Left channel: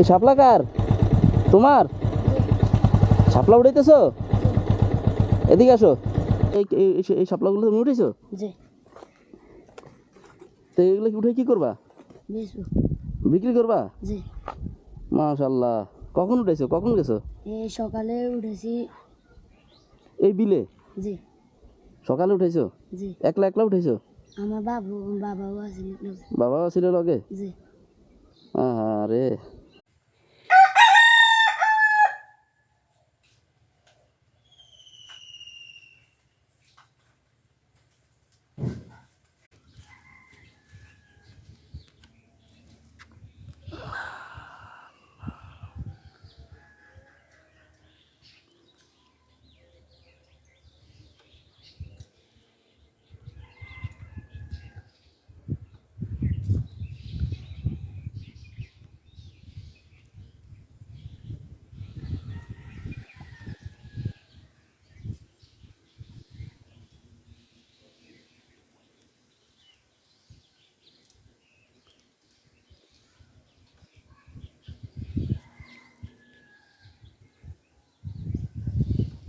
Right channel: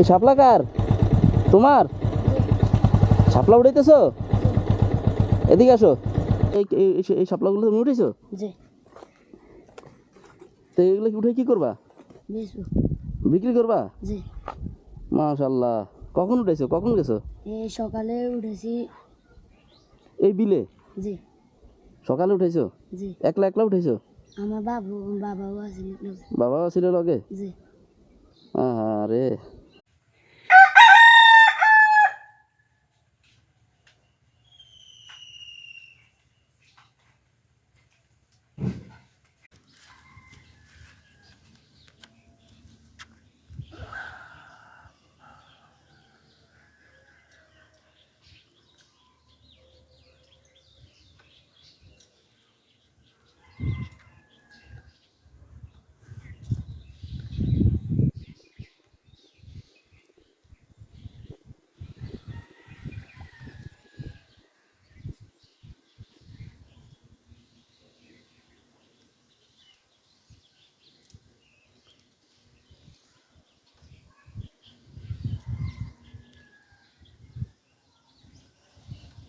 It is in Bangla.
এই শাপলা কার? তোমার? শাপলা উঠাইতেছো? এদিকে আসো। এই শাপলাগুলো তুমি উঠেছো? জি। তো এগুলো কি উঠে কি করবা? বেচবো। বিক্রি করবা? জি। মাশাআল্লাহ। কখন উঠেছো, কখন গেছো? এই সকালে উঠেছি। এই বিলে? জি। সকালে উঠেছো? জি। একলা একলা উঠেছো? আমার বাবাও আছে। বাবাও ছিল লগে? জি। আরে